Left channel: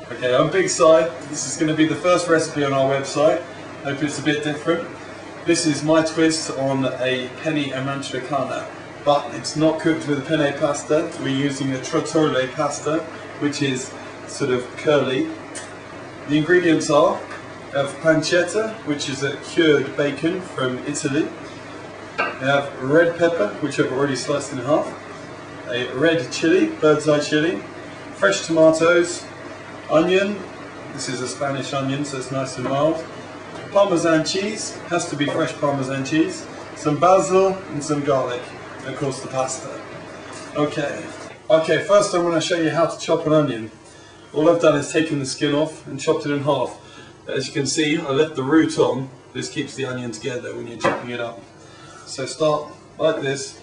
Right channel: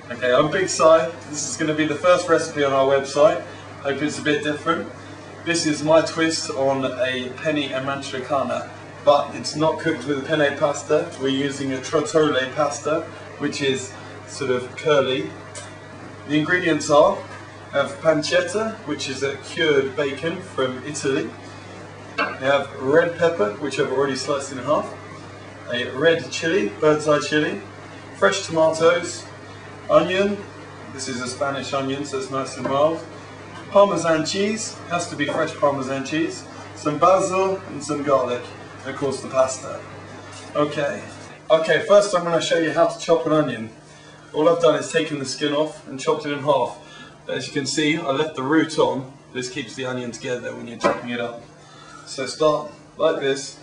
Okay, I'm Big Si. This is going to be the first recipe on our website. Hope it's a bit different. This is my twist on a penne Amantricana, but it's not cooked with a penne pasta. We're using a Trottole Pasta, which is sort of curly. The ingredients are, we have pancetta, which is a cured bacon from Italy. We have red pepper, which I've already sliced in half. A red chili, bird's eye chili. Fresh tomatoes. Onion, this is a Spanish onion, so it's nice and mild. Parmesan cheese, has to be fresh Parmesan cheese. Some basil and some garlic, and of course the pasta. Okay, first I'm going to show you how to chop an onion. All I've done is taken the skin off and chopped it in half. But as you can see, I left the root on. This keeps the onion together when you're chopping it up. So start like this,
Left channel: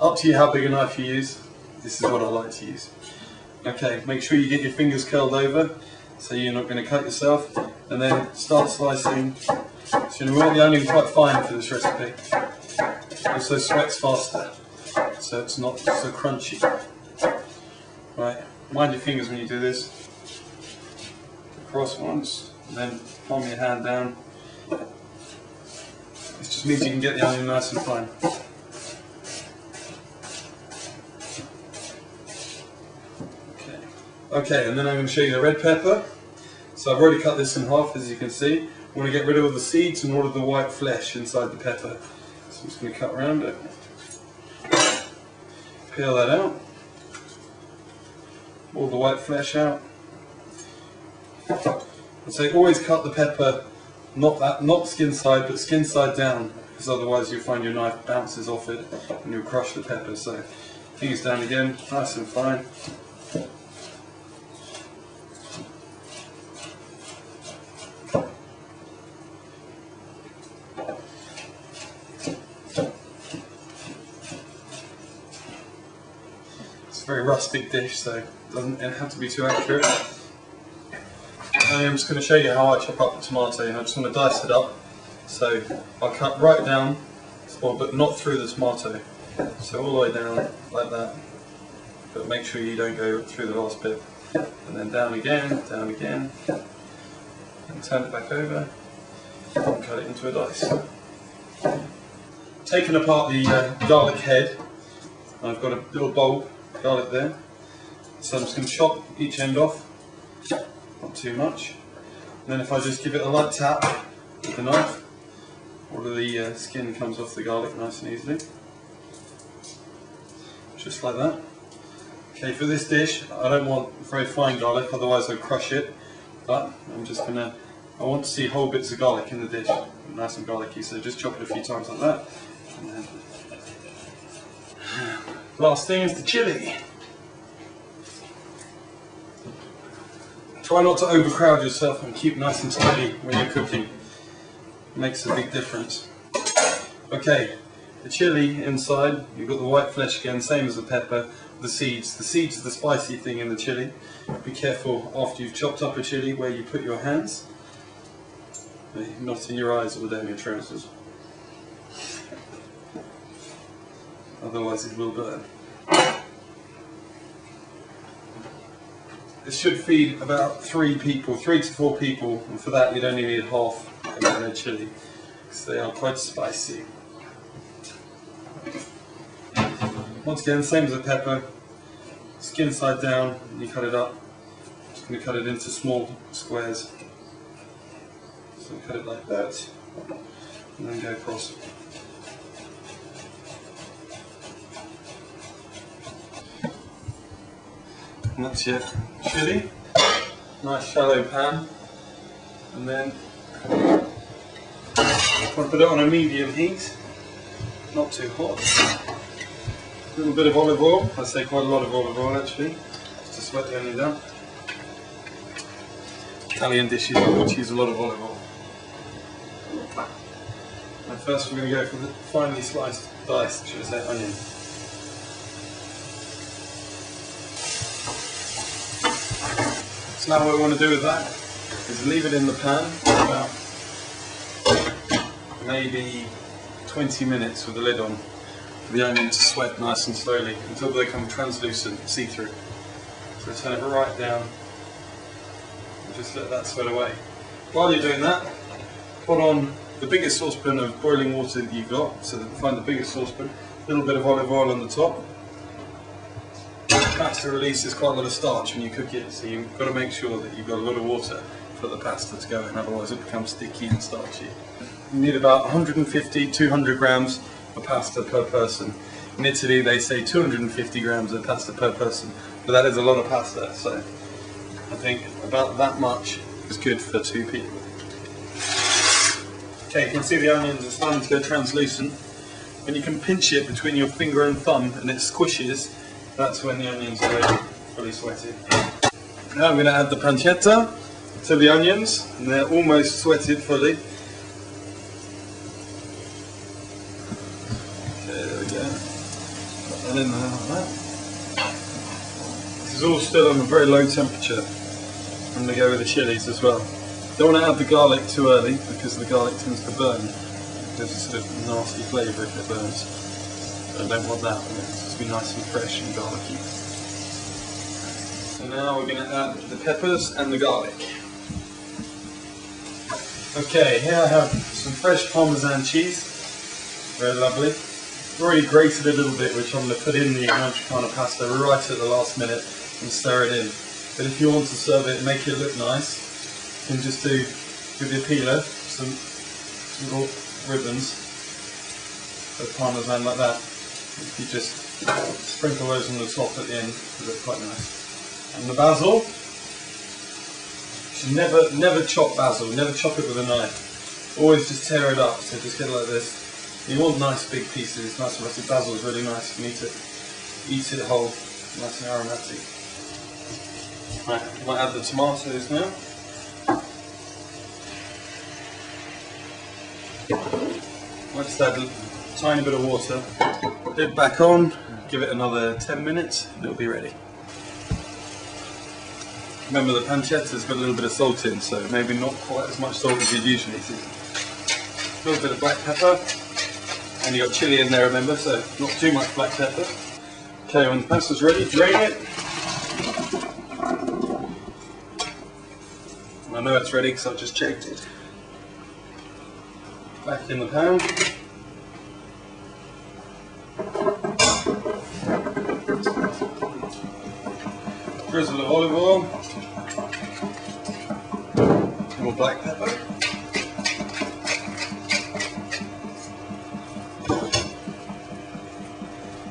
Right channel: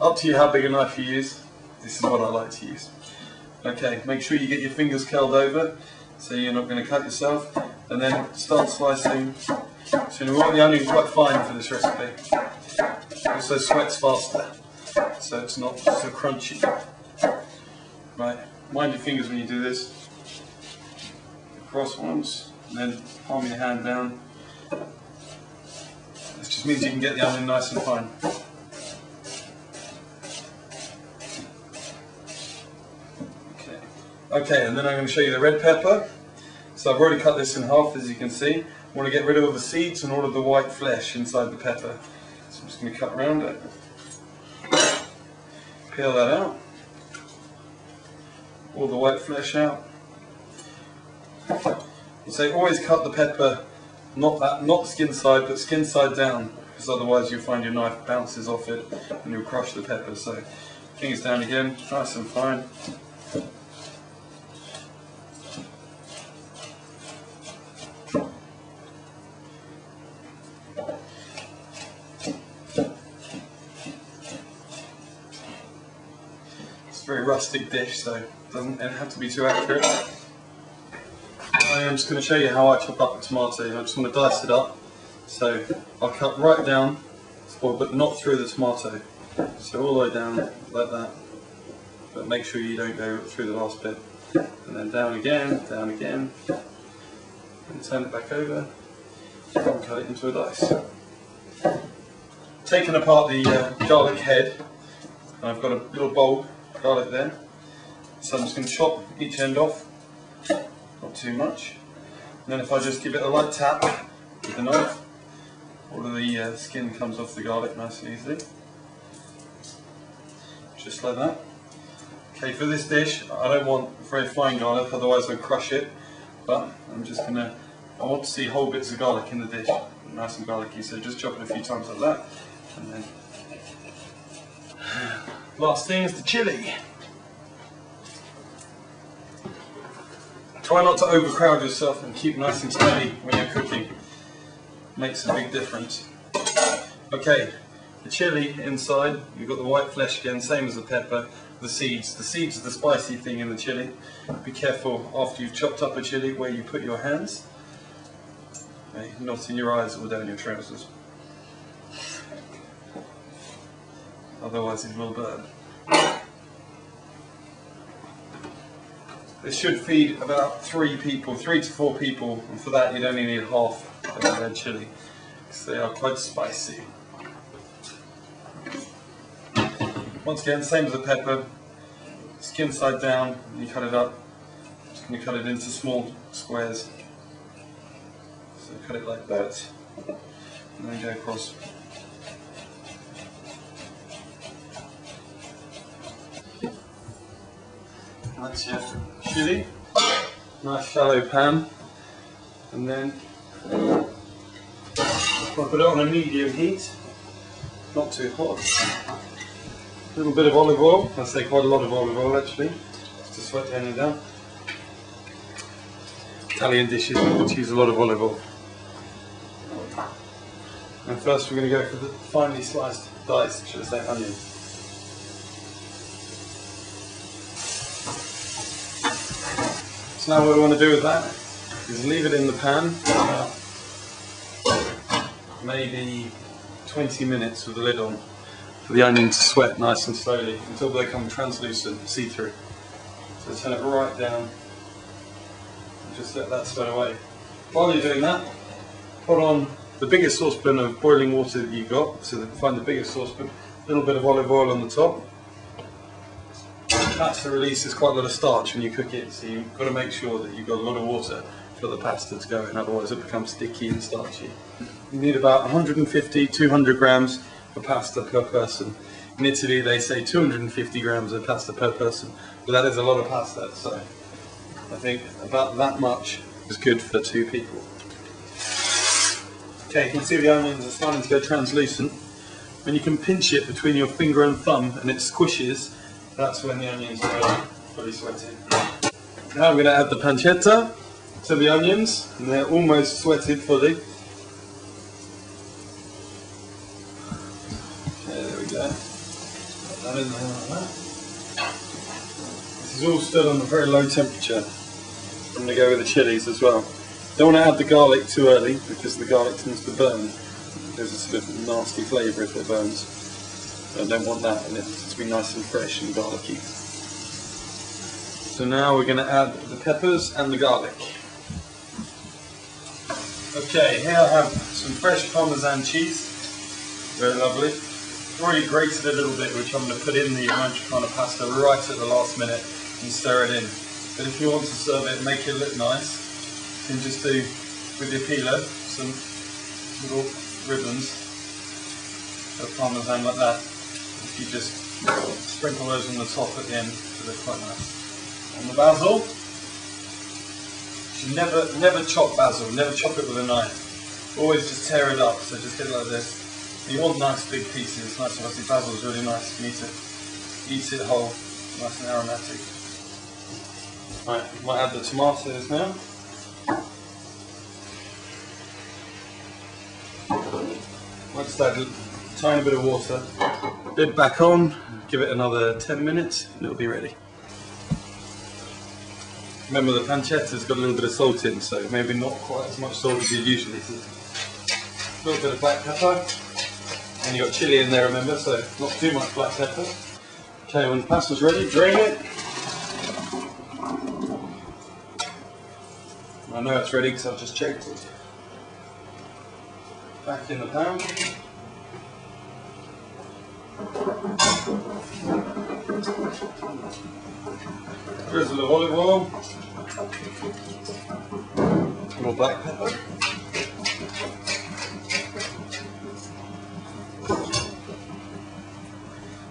up to you how big a knife you use. This is what I like to use. Okay, make sure you get your fingers curled over so you're not going to cut yourself, and then start slicing. So you want the onion quite fine for this recipe. It also sweats faster, so it's not so crunchy. Right, mind your fingers when you do this. Across once, and then palm your hand down. This just means you can get the onion nice and fine. Okay, and then I'm going to show you the red pepper. So I've already cut this in half, as you can see. I want to get rid of all the seeds and all of the white flesh inside the pepper. So I'm just going to cut around it. Peel that out. All the white flesh out. And so always cut the pepper, not skin side, but skin side down, because otherwise you'll find your knife bounces off it and you'll crush the pepper. So fingers down again, nice and fine. Very rustic dish, so it doesn't have to be too accurate. I am just going to show you how I chop up the tomato. I just want to dice it up, so I'll cut right down, but not through the tomato, so all the way down like that, but make sure you don't go through the last bit, and then down again, and turn it back over and cut it into a dice. Taking apart the garlic head, I've got a little bulb garlic there, so I'm just going to chop each end off, not too much, and then if I just give it a light tap with the knife, all of the skin comes off the garlic nice and easily, just like that. Okay, for this dish I don't want very fine garlic, otherwise I'll crush it, but I want to see whole bits of garlic in the dish, nice and garlicky, so just chop it a few times like that, and then last thing is the chili. Try not to overcrowd yourself and keep nice and tidy when you're cooking. Makes a big difference. Okay, the chili inside, you've got the white flesh again, same as the pepper, the seeds. The seeds are the spicy thing in the chili. Be careful after you've chopped up a chili where you put your hands. Not in your eyes or down your trousers. Otherwise it will burn. This should feed about 3 to 4 people, and for that you'd only need half of the red chili, because they are quite spicy. Once again, same as the pepper, skin side down, and you cut it up. I'm just going to cut it into small squares. So cut it like that, and then go across. And that's your chili, nice shallow pan, and then I'll put it on a medium heat, not too hot. A little bit of olive oil, I say quite a lot of olive oil actually, just to sweat the onion down. Italian dishes which use a lot of olive oil. And first we're going to go for the finely sliced diced, should I say, onion. So now what we want to do with that is leave it in the pan for about maybe 20 minutes with the lid on, for the onion to sweat nice and slowly until they become translucent, see-through. So turn it right down Just let that sweat away. While you're doing that, put on the biggest saucepan of boiling water that you've got. So find the biggest saucepan, a little bit of olive oil on the top. Pasta releases quite a lot of starch when you cook it, so you've got to make sure that you've got a lot of water for the pasta to go in, otherwise it becomes sticky and starchy. You need about 150-200 grams of pasta per person. In Italy they say 250 grams of pasta per person, but that is a lot of pasta, so I think about that much is good for 2 people. Okay, you can see the onions are starting to go translucent. When you can pinch it between your finger and thumb and it squishes, that's when the onions are ready, fully sweated. Now I'm going to add the pancetta to the onions, and they're almost sweated fully. Okay, there we go. Put that in there like that. This is all still on a very low temperature. I'm going to go with the chilies as well. Don't want to add the garlic too early because the garlic tends to burn. There's a sort of nasty flavour if it burns. I don't want that. It needs to be nice and fresh and garlicky. So now we're going to add the peppers and the garlic. Okay, here I have some fresh Parmesan cheese. Very lovely. I've already grated a little bit, which I'm going to put in the Amantricana pasta right at the last minute and stir it in. But if you want to serve it and make it look nice, you can just do, with your peeler, some little ribbons of Parmesan like that. If you just sprinkle those on the top at the end, they look quite nice. And the basil, you should never chop basil, never chop it with a knife. Always just tear it up, so just get it like this. You want nice big pieces, nice and obviously basil is really nice, you need to eat it whole, nice and aromatic. Right, might add the tomatoes now. Might just add a tiny bit of water. Lid back on, give it another 10 minutes and it'll be ready. Remember the pancetta's got a little bit of salt in, so maybe not quite as much salt as you'd usually see. A little bit of black pepper, and you got chili in there, remember, so not too much black pepper. Okay, when the pasta's ready, drain it. I know it's ready because I've just checked it. Back in the pan. Drizzle of olive oil, more black pepper,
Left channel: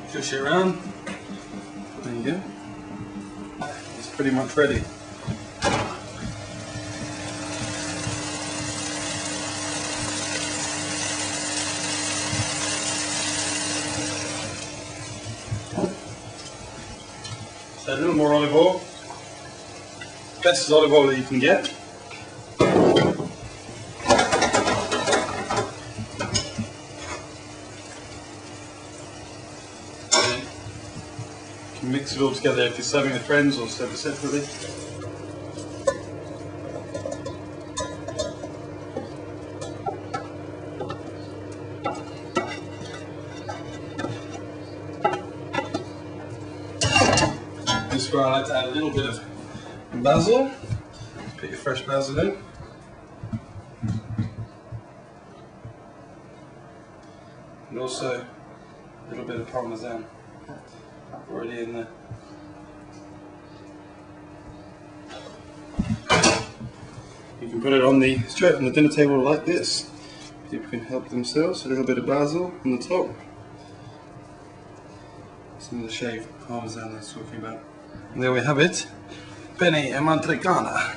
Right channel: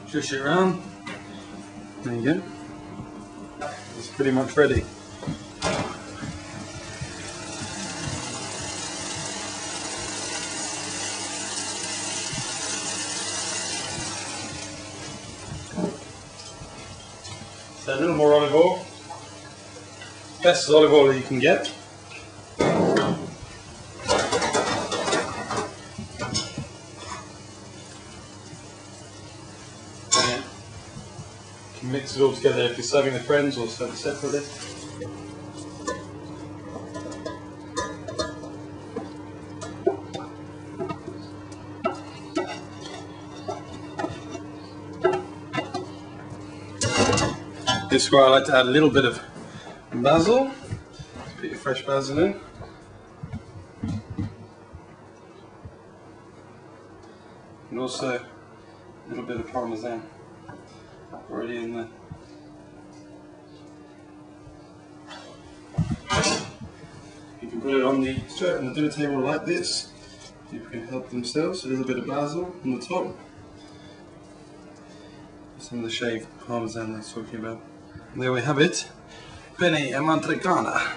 shush it around, there you go, it's pretty much ready. So a little more olive oil, best olive oil that you can get. And then you can mix it all together if you're serving with friends or serve it separately. This is where I like to add a little bit of basil. Put your fresh basil in. And also a little bit of Parmesan already in there. You can put it straight on the dinner table like this. People can help themselves. A little bit of basil on the top. Some of the shaved Parmesan I was talking about. And there we have it, Penne Amantricana.